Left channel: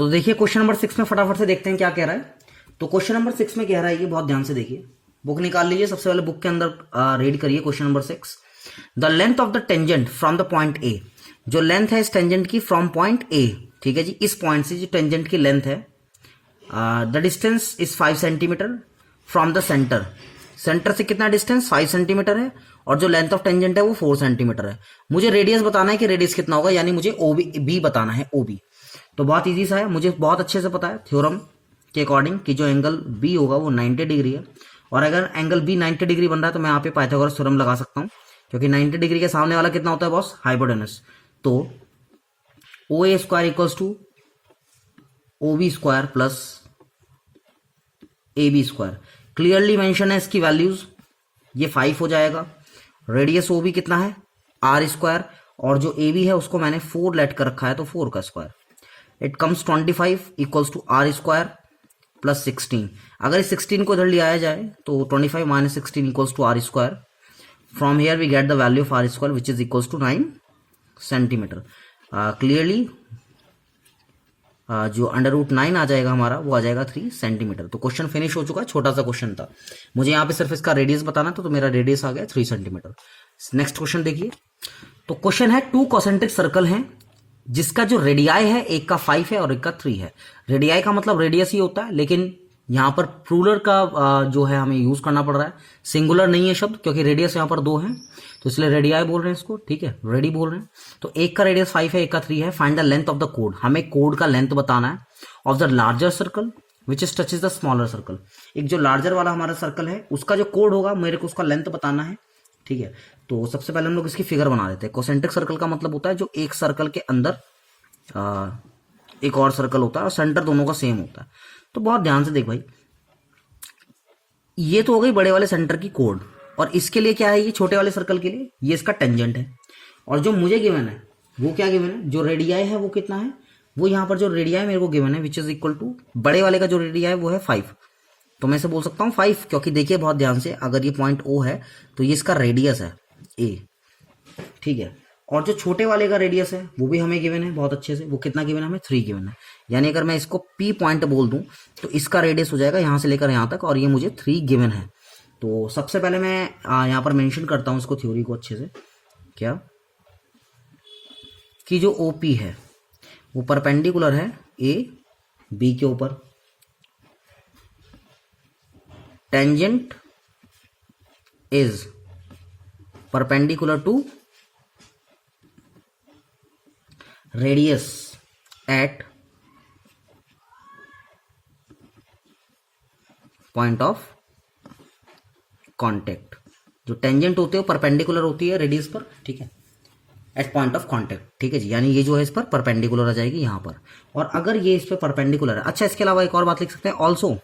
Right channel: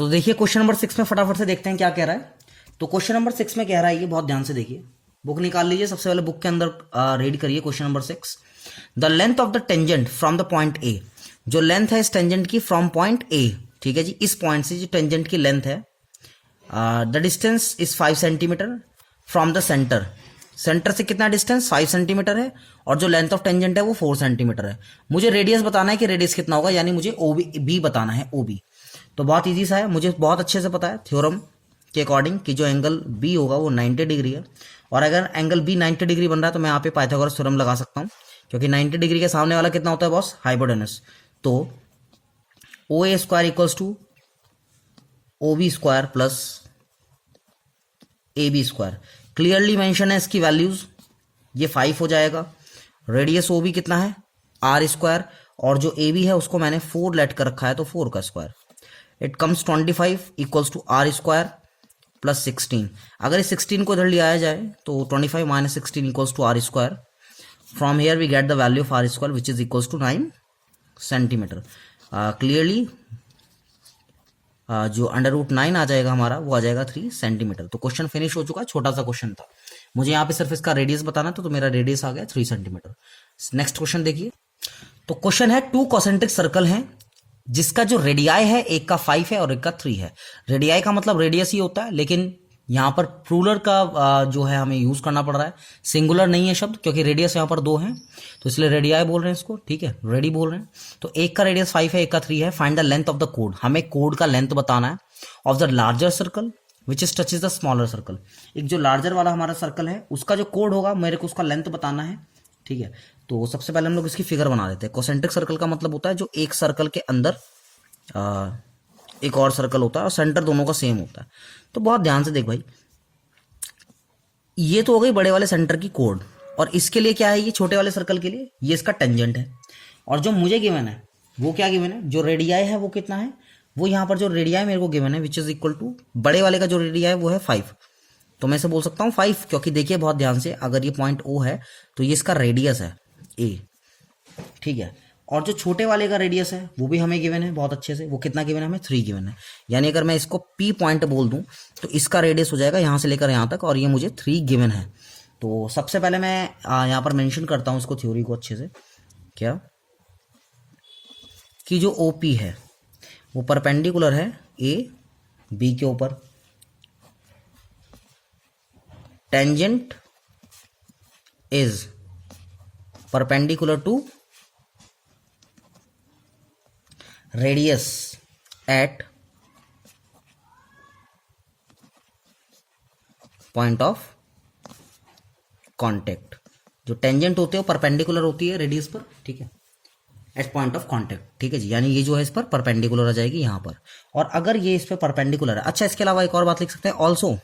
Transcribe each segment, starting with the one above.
तो देखिए question number 6 में फटाफट से देखते हैं क्या कह रहा है। तो क्वेश्चन नंबर 6 में कह रहा है, ये बहुत ध्यान से देखिए, बुक निकाल लीजिए, सबसे पहले बुक के अंदर रीड करिए question number 6। The length of the tangent from the point A, जो लेंथ है इस टेंजेंट की फ्रॉम पॉइंट ए, ठीक है जी, इस पॉइंट से जो टेंजेंट की लेंथ है, the distance is 5 centimetre from the centre. Centre से कितना डिस्टेंस 5 सेंटीमीटर है, और जो लेंथ ऑफ टेंजेंट है वो 4 सेंटीमीटर है। मुझे रेडियस बताना है कि रेडियस कितना होगा, यानी मुझे ओबी बी बताना है, ओबी। तो बहुत इजी सा है, मुझे बहुत अच्छे से पता है थ्योरम के अकॉर्डिंग कि जो एंगल बी होगा वो 90 डिग्री है, और अगर एंगल बी 90 डिग्री बन रहा है तो मैं यहाँ पे पाइथागोरस थ्योरम लगा सकता हूँ, क्योंकि 90 डिग्री के सामने वाला कितना होता है बॉस, हाइपोटेनस। तो O A square equals to O B square plus A B square, clearly mention है इसकी वैल्यूज, ये 5 हो जाएगा। रेडियस ओ बी कितना है, आर स्क्वायर, और जो ए बी है उसको मैंने 4 लेट कर रखा है, तो 4 का square. It comes 25 equals to R square plus 16। अगर इस 16 को इधर ले आया जाए तो 25 minus 16 equals to R square. From here we get the value of R square which is equals to 9 centimetre. Clearly जो अंडर रूट 9 आ जाएगा हमारा, वो आ जाएगा 3 सेंटीमीटर। तो क्वेश्चन फिनिश हो चुका है, छोटा सा क्वेश्चन था, मुझे यहाँ पे सिर्फ इसका रेडियस बताना था, तो मेरा रेडियस आ गया 3 सेंटीमीटर। नेक्स्ट क्वेश्चन देखिए। तो क्वेश्चन है 2 कॉन्सेंट्रिक सर्कल हैं जिसका जो रेडियाई है, एक का 5 है और एक का 3 है। रेडियाई का मतलब रेडियस ही होता है, लेकिन यहाँ पर प्लूरल का जो है हमें यूज करना पड़ रहा है, सिंगुलर नहीं है शब्द, क्योंकि रेडियस यहाँ पर 2 है, तो इसलिए रेडियाई बोल रहे हैं इसको, ठीक है, रेडी बोल रहे हैं। तो एक का रेडियस 5 है, एक का 3 है। Find the length of the code, हमें कोड का लेंथ बताना है, of the larger circle which is touches the smaller circle. एक जो लार्जर वाला हमारा सर्कल है उसका जो कोड होगा, मेरे को उसका लेंथ बताना है, ठीक है। तो सबसे पहले हम लोग इसकी फिगर बना देते हैं। कॉन्सेंट्रिक सर्कल का मतलब होता है जो एक सर्कल के अंदर एक और सर्कल होता है और सेंटर दोनों का सेम होता है। तो बहुत ध्यान से देख भाई, ये तो हो गई बड़े वाले सेंटर की कोड, और इसके लिए क्या है, ये छोटे वाले सर्कल के लिए ये इसका टेंजेंट है। और जो मुझे गिवन है वो क्या गिवन है, जो रेडियाई है वो कितना है, वो यहाँ पर जो रेडियाई मेरे को गिवन है विच इज इक्वल टू, बड़े वाले का जो रेडियाई वो है 5, तो मैं इसे बोल सकता हूँ 5, क्योंकि देखिए बहुत ध्यान से, अगर ये पॉइंट ओ है तो ये इसका रेडियस है ए, ठीक है। और जो छोटे वाले का रेडियस है वो भी हमें गिवन है बहुत अच्छे से, वो कितना गिवन है हमें, 3 गिवन है। यानी अगर मैं इसको पी पॉइंट बोल दूं तो इसका रेडियस हो जाएगा यहाँ से लेकर यहाँ तक, और ये मुझे 3 गिवन है। तो सबसे पहले मैं यहाँ पर मेंशन करता हूँ इसको, थ्योरी को अच्छे से, क्या कि जो ओपी है वो परपेंडिकुलर है ए बी के ऊपर, tangent is perpendicular to radius at point of contact. जो टेंजेंट होते हैं परपेंडिकुलर होती है रेडियस पर, ठीक है, एट पॉइंट ऑफ कांटेक्ट, ठीक है जी, यानी ये जो है इस पर परपेंडिकुलर आ जाएगी यहाँ पर। और अगर ये इस पर परपेंडिकुलर है, अच्छा इसके अलावा एक और बात लिख सकते हैं, also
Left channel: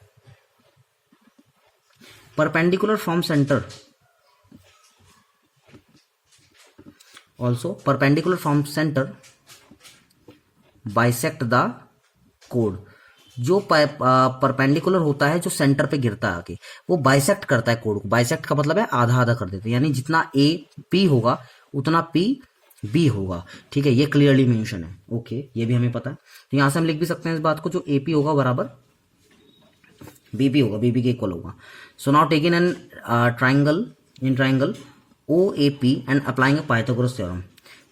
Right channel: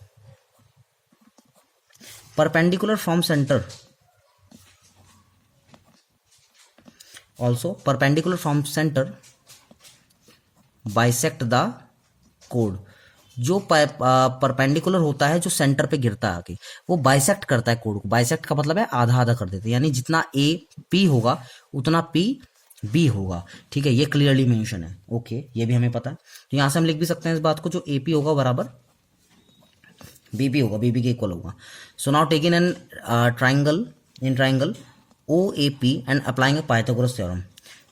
perpendicular from centre, also perpendicular from centre bisect the code. जो परपेंडिकुलर होता है जो सेंटर पे गिरता है आके, वो बाइसेक्ट करता है कोड को। बाइसेक्ट का मतलब है आधा आधा कर देते हैं, यानी जितना ए पी होगा उतना पी बी होगा, ठीक है, ये क्लियरली मेंशन है, ओके, ये भी हमें पता है। तो यहां से हम लिख भी सकते हैं इस बात को, जो ए पी होगा बराबर बीपी होगा, बीबी के इक्वल होगा। So now take in an triangle O A P and applying a Pythagoras theorem.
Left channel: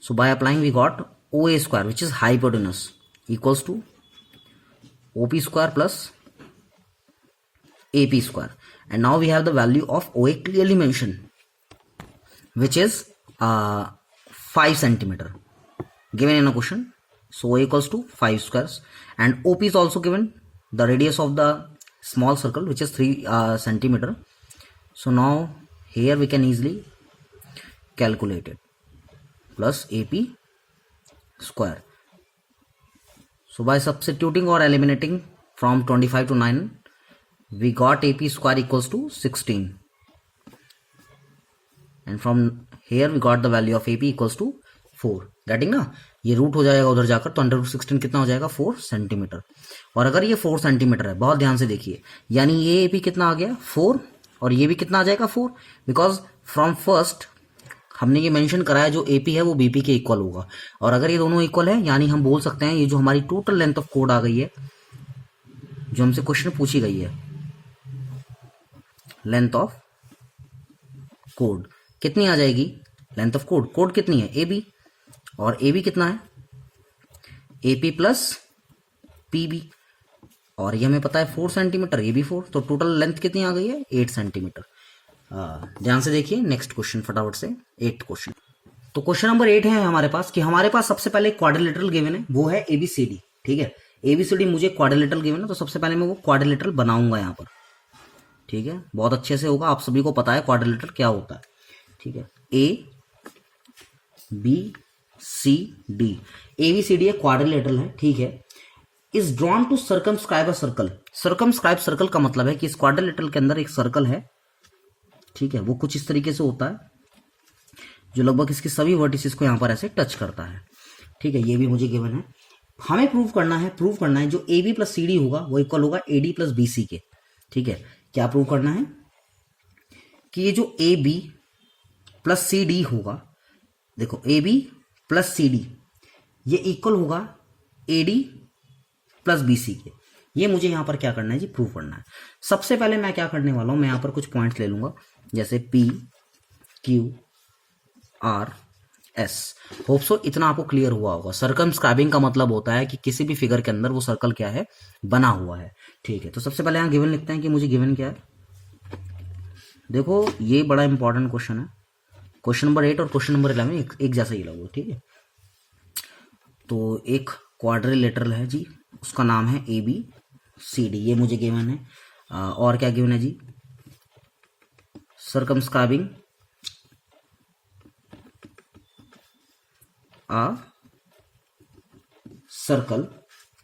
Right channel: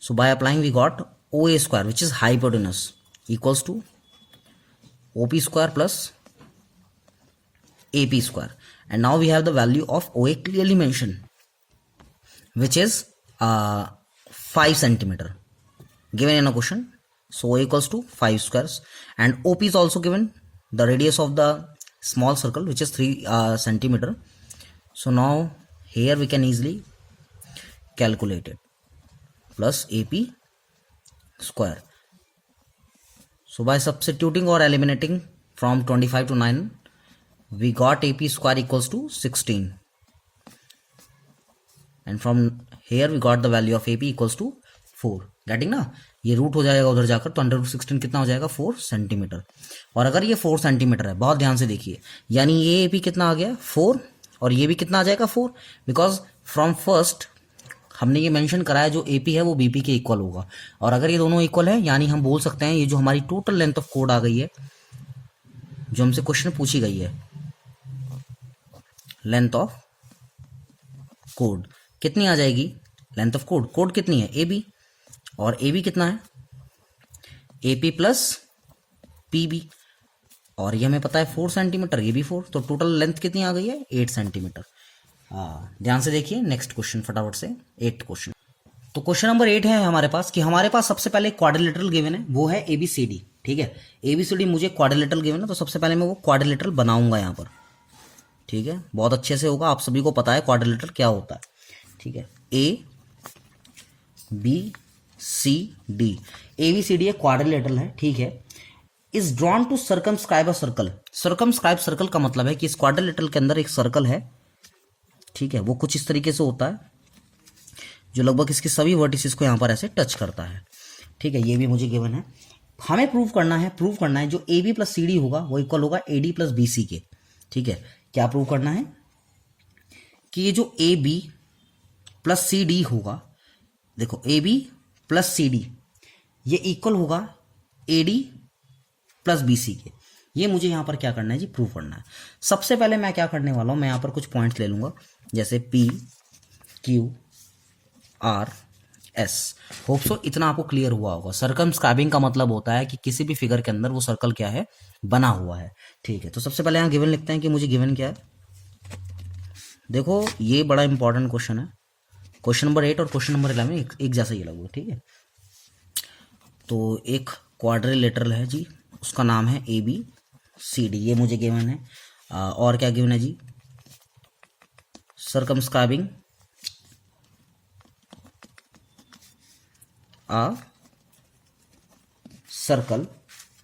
So by applying we got O A square which is hypotenuse equals to OP square plus AP square, and now we have the value of OA clearly mentioned which is 5 centimeter given in a question. So OA equals to 5 squares, and OP is also given, the radius of the small circle which is 3 centimeter. So now here we can easily calculate it, plus AP square. So by substituting or eliminating from 25 to 9, we got AP square equals to 16, and from here we got the value of AP equals to 4. Getting ना, ये root हो जाएगा उधर जाकर, तो under root 16 कितना हो जाएगा, 4 सेंटीमीटर। और अगर ये 4 सेंटीमीटर है, बहुत ध्यान से देखिए, यानी ये AP कितना आ गया 4, और ये भी कितना आ जाएगा 4, बिकॉज फ्रॉम फर्स्ट हमने ये मेंशन करा है जो एपी है वो बीपी के इक्वल होगा, और अगर ये दोनों इक्वल है यानी हम बोल सकते हैं ये जो हमारी टोटल लेंथ ऑफ कोड आ गई है, जो हमसे क्वेश्चन पूछी गई है, लेंथ ऑफ कोड कितनी आ जाएगी, लेंथ ऑफ कोड, कोड कितनी है ए बी, और ए बी कितना है A P plus P B, और ये हमें पता है 4 सेंटीमीटर, ये भी 4, तो टोटल लेंथ कितनी आ गई है 8 सेंटीमीटर। ध्यान से देखिए नेक्स्ट क्वेश्चन फटाफट से, 8th क्वेश्चन। तो क्वेश्चन नंबर 8 है हमारे पास कि हमारे पास सबसे पहले क्वाड्रिलेटरल गिवन है, वो है एबीसीडी। ठीक है, एबीसीडी मुझे क्वाड्रिलेटरल गिवन है, तो सबसे पहले मैं वो क्वाड्रिलेटरल बनाऊंगा यहाँ पर। ठीक है, बहुत अच्छे से होगा, आप सभी को पता है क्वाड्रिलेटरल क्या होता है। ठीक है, A B C D, ABCD quadrilateral है। ठीक है, is drawn to circumscribe a circle. Circumscribe circle का मतलब है कि इस क्वाड्रिलेटरल के अंदर एक सर्कल है। ठीक है, वो कुछ इस तरीके से होता है जो लगभग इसके सभी वर्टिसेस को यहां पर ऐसे टच करता है। ठीक है, ये भी मुझे गिवन है। हमें प्रूव करना है जो A B plus C D होगा वो इक्वल होगा A D plus B C के। ठीक है, क्या प्रूव करना है कि ये जो A B plus C D होगा, देखो A B plus C D ये इक्वल होगा A D plus B C के। ये मुझे यहां पर क्या करना है जी, प्रूव करना है। सबसे पहले मैं क्या करने वाला हूं, मैं यहां पर कुछ पॉइंट्स ले लूंगा, जैसे P Q R S. Hope so इतना आपको क्लियर हुआ होगा। सर्कमस्क्राइबिंग का मतलब होता है कि किसी भी फिगर के अंदर वो सर्कल क्या है, बना हुआ है। ठीक है, तो सबसे पहले यहां गिवन लिखते हैं कि मुझे गिवन क्या है। देखो ये बड़ा इंपॉर्टेंट क्वेश्चन है, क्वेश्चन नंबर 8 और क्वेश्चन नंबर 11 एक जैसा ही लगेगा। ठीक है, तो एक क्वाड्रिलेटरल है जी, उसका नाम है ए बी सी डी, ये मुझे गिवन है। और क्या गिवन है जी, सर्कमस्क्राइबिंग आ सर्कल,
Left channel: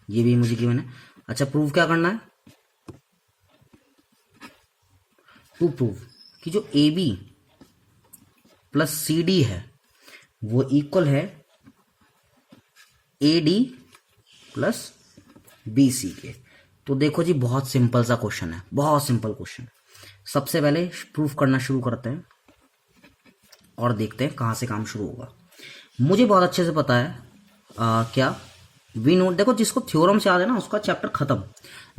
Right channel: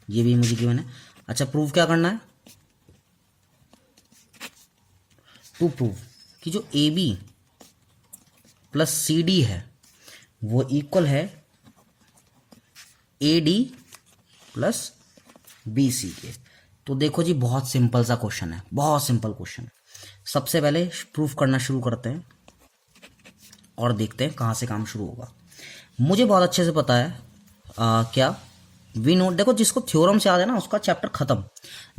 ये भी मुझे गिवन है। अच्छा, प्रूव क्या करना है, टू प्रूव कि जो A B plus C D है वो इक्वल है A D plus B C के। तो देखो जी बहुत सिंपल सा क्वेश्चन है, बहुत सिंपल क्वेश्चन। सबसे पहले प्रूफ करना शुरू करते हैं और देखते हैं कहां से काम शुरू होगा। मुझे बहुत अच्छे से पता है क्या वी नो, देखो जिसको थ्योरम से याद है ना उसका चैप्टर खत्म।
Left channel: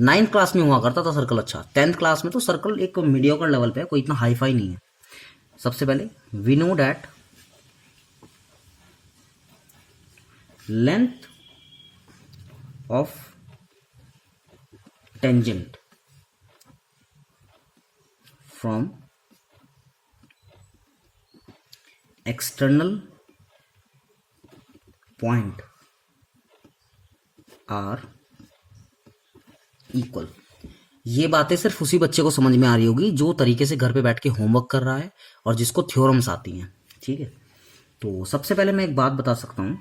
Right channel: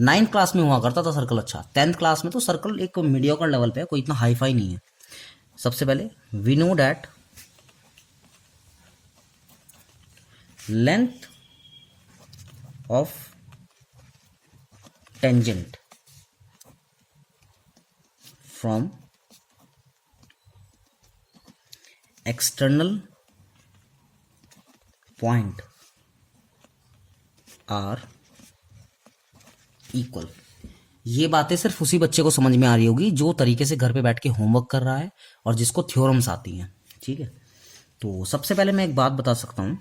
9th क्लास में हुआ करता था सर्कल, अच्छा 10th क्लास में तो सर्कल एक मीडियोकर लेवल पे है, कोई इतना हाई फाई नहीं है। सबसे पहले we know that length of tangent from external point are equal. ये बातें सिर्फ उसी बच्चे को समझ में आ रही होगी जो तरीके से घर पे बैठ के होमवर्क कर रहा है और जिसको थ्योरम्स आती हैं। ठीक है, तो सबसे पहले मैं एक बात बता सकता हूं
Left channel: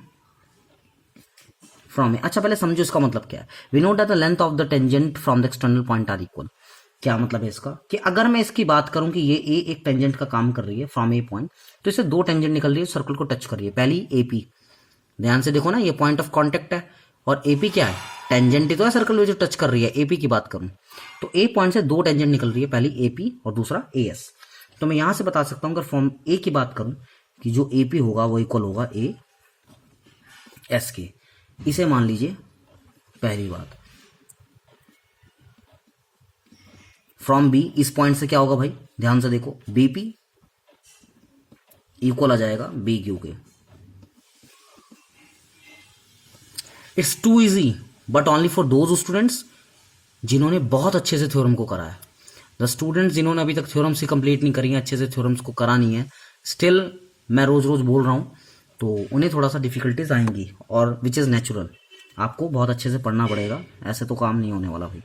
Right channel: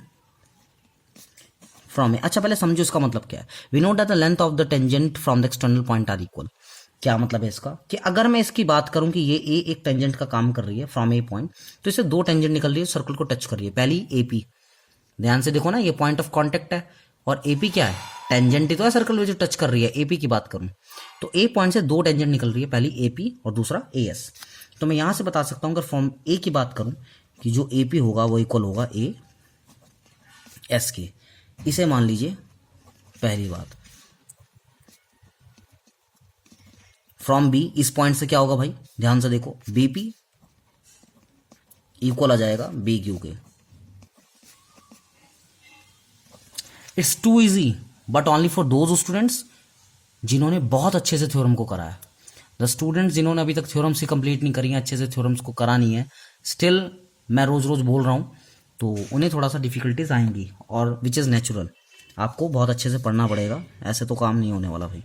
फ्रॉम, अच्छा पहले समझो इसका मतलब क्या है। We know that the length of the tangent from the external point are equal. क्या मतलब है इसका कि अगर मैं इसकी बात करूं कि ये ए एक टेंजेंट का काम कर रही है फ्रॉम ए पॉइंट, तो इससे 2 टेंजेंट निकल रही है, सर्कल को टच कर रही है। पहली एपी, ध्यान से देखो ना, ये पॉइंट ऑफ कांटेक्ट है, और एपी क्या है, टेंजेंट ही तो है सर्कल में जो टच कर रही है। एपी की बात करूं तो ए पॉइंट से 2 टेंजेंट निकल रही है, पहली एपी और दूसरा एएस। तो मैं यहां से बता सकता हूं अगर फॉर्म ए की बात करूं कि जो एपी होगा वो इक्वल होगा ए एस के। इसे मान लीजिए पहली बात। फ्रॉम बी, इस पॉइंट से क्या होगा भाई, ध्यान से देखो, बीपी इक्वल आ जाएगा बी क्यू के। It's too easy but only for those students जिन्होंने बहुत अच्छे से थ्योरम को करा है। द स्टूडेंट्स जिन्होंने अभी तक थ्योरम्स ही कंप्लीट नहीं करी है, अच्छे से थ्योरम्स को करा नहीं है, स्टिल मैं रोज रोज बोल रहा हूं, तो उन्हें थोड़ा सा डिफिकल्टीज आएंगी, और विच इज नेचुरल। आपको बहुत अच्छे से पढ़ना पड़ेगा, ऐसे तो काम नहीं होने वाला भाई।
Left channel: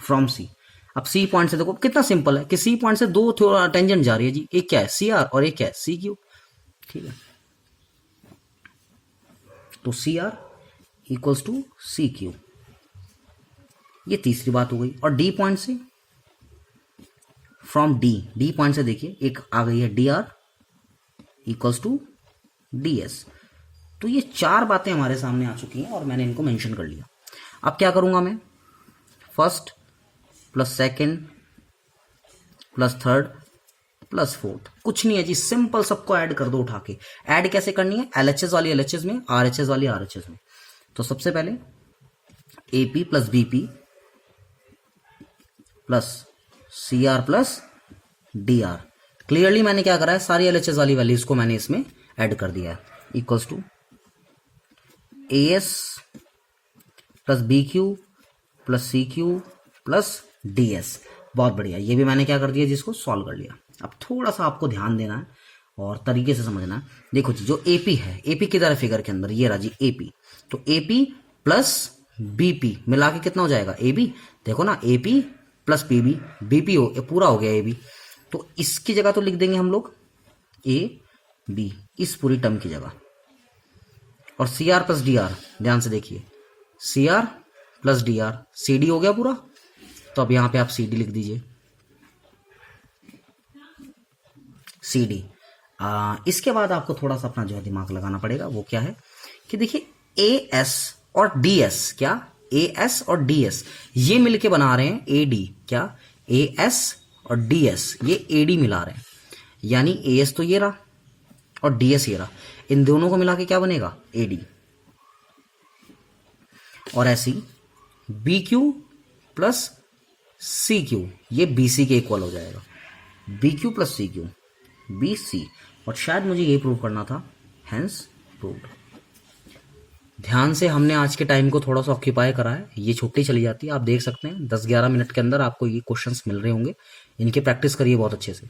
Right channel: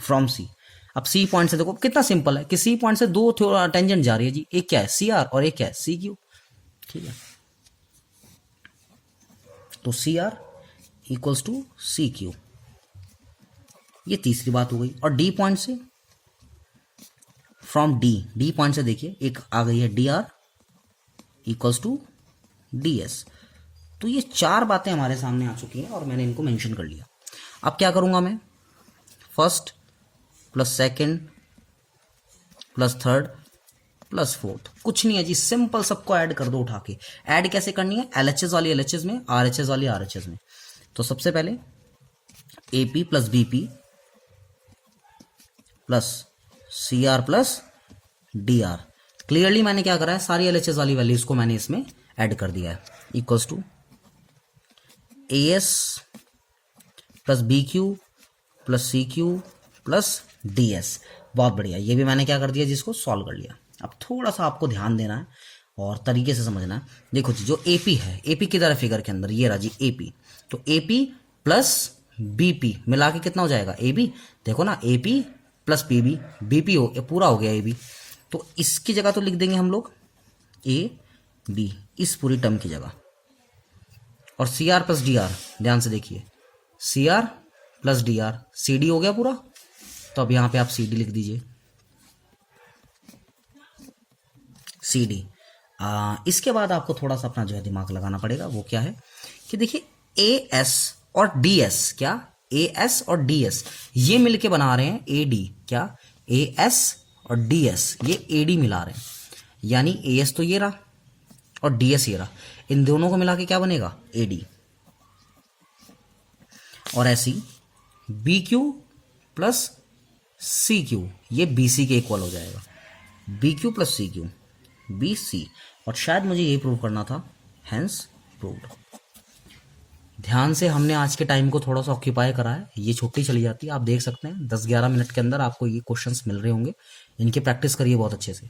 फ्रॉम सी, अब सी पॉइंट से देखो कितना सिंपल है कि सी पॉइंट से 2 टेंजेंट जा रही है जी, एक क्या है सी आर और एक क्या है सी क्यू। ठीक है, तो C R equals to C Q, ये तीसरी बात हो गई। और डी पॉइंट से, फ्रॉम डी पॉइंट से देखिए एक आ गई है D R equals to D S. तो ये 4 बातें हमारे सामने आ चुकी हैं और मैंने इनको मेंशन कर लिया। अब क्या करूंगा मैं, first plus second plus third plus fourth, कुछ नहीं है जी, सिंपल सबको ऐड कर दो उठा के। ऐड कैसे करनी है, एलएचएस वाली एलएचएस में, आरएचएस वाली आरएचएस में। तो सबसे पहले AP plus BP plus CR plus DR. Clearly मैंने क्या करा है, सारी एलएचएस वाली वैल्यूज को मैंने इसमें ऐड कर दिया है। Equals to AS plus B Q plus C Q plus DS. बहुत बढ़िया, ये भी मैंने क्या कर दिया, जिसको सॉल्व कर लिया। अब थोड़ा सा आपको ध्यान देना है और तरीके से समझना है। देखो जी, जो एपी है, एपी किधर है फिगर के अंदर, ये रहा जी एपी। तो एपी प्लस बीपी मिला के कितना हो जाएगा, एबी। देखो ना, एपी प्लस पीबी, बीपी हो पूरा हो गया एबी। तो इसकी जगह तो लिख देंगे हम लोग ए बी, इस पूरी टर्म की जगह। और C R plus D R, ध्यान से देखिए, C R plus D R, C D हो गया पूरा। तो अब यहां पे आप सी डी लिख दीजिए, सी डी। इसके बाद आपको थोड़ा सा अपना जो है दिमाग लगाना पड़ेगा। वो क्या है कि देखिए, ए एस और डी एस, क्या ए एस और डी एस ये मिलके बना रहे हैं ए डी। क्या, ए एस और डी एस ये ए डी मिला रहे हैं, यानी ए एस तो ये रहा और डी एस ये रहा, इन दोनों को मिला के क्या बनेगा, ए डी। और ऐसी B Q plus C Q, ये बी सी के इक्वल हो जाएगा, B Q plus C Q, B C. और शायद मुझे ये प्रूव करना था, हेंस प्रूव्ड। ध्यान से हमने आज के टाइम को थोड़ा सा ऑक्यूपाई करा है, ये छुट्टी चली जाती है। आप देख सकते हैं 10-11 मिनट के अंदर आपको ये क्वेश्चंस मिल रहे होंगे, इनकी प्रैक्टिस करिए बहुत अच्छे से।